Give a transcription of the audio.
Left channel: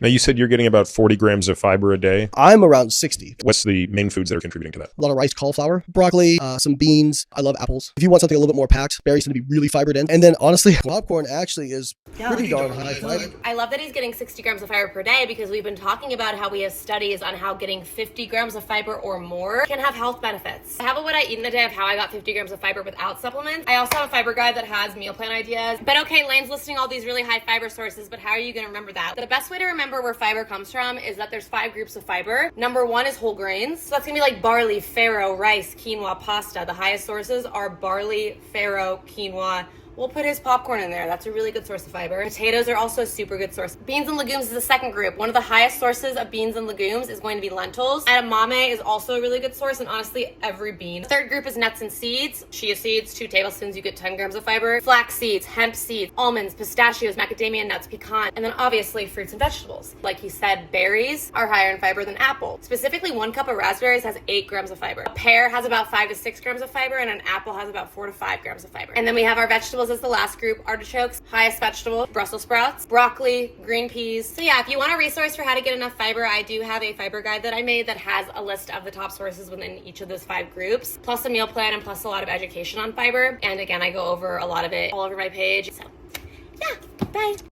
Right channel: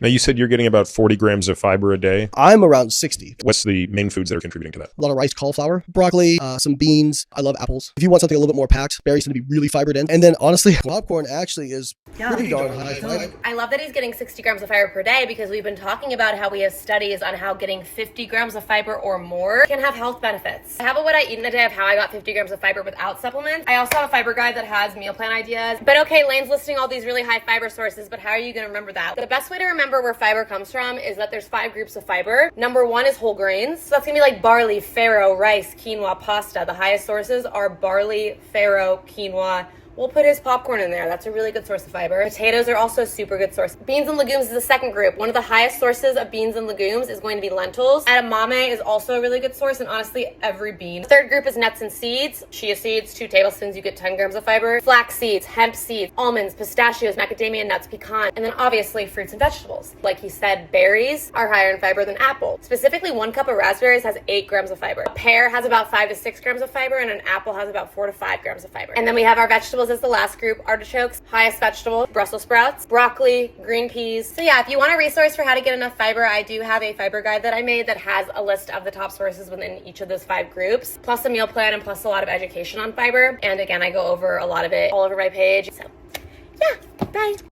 Now, you said you're getting about 40 grams of fiber a day. I'm around 60. What's the main foods that are contributing to that? A lot of rice, cauliflower, broccoli, some beans. I love apples. If you want something a little bit more packed, berries tend to be really fiber dense. And then honestly, popcorn actually is pretty darn high fiber. I love that he's getting 60 grams of fiber per day because we've been talking about how we have studies on how getting 50 grams of fiber or more can have health benefits. I have a what I eat in a day of how I got 50 grams of fiber without supplements. I also have a fiber guide that has meal plan ideas. But okay, Lane's listing all these really high fiber sources, but how are you going to remember that? The best way to remember where fiber comes from is that there's 5 groups of fiber. Number 1 is whole grains. So that's going to be like barley, farro, rice, quinoa, pasta. The highest sources are barley, farro, quinoa. We'll put his popcorn in there. That's a really good source of fiber. Potatoes are also a super good source. Beans and legumes is the second group. One of the highest sources of beans and legumes is going to be lentils. Edamame is also a really good source, and honestly, every bean. Third group is nuts and seeds. Chia seeds, 2 tablespoons, you get 10 grams of fiber. Flax seeds, hemp seeds, almonds, pistachios, macadamia nuts, pecan, and then obviously fruits and vegetables. Like he said, berries are higher in fiber than apple. Specifically, 1 cup of raspberries has 8 grams of fiber. A pear has about 5 to 6 grams of fiber, and an apple has about 4 to 5 grams of fiber. And then we have our vegetables as the last group. Artichokes, highest vegetable, Brussels sprouts, broccoli, green peas. So yeah, if you want a resource for how to get enough fiber, I do have a fiber guide that I made that has a list of the top sources within each of those 5 groups, plus a meal plan and plus a lot of education on fiber. And again, I go over a lot of it all over my page. So yeah, bye.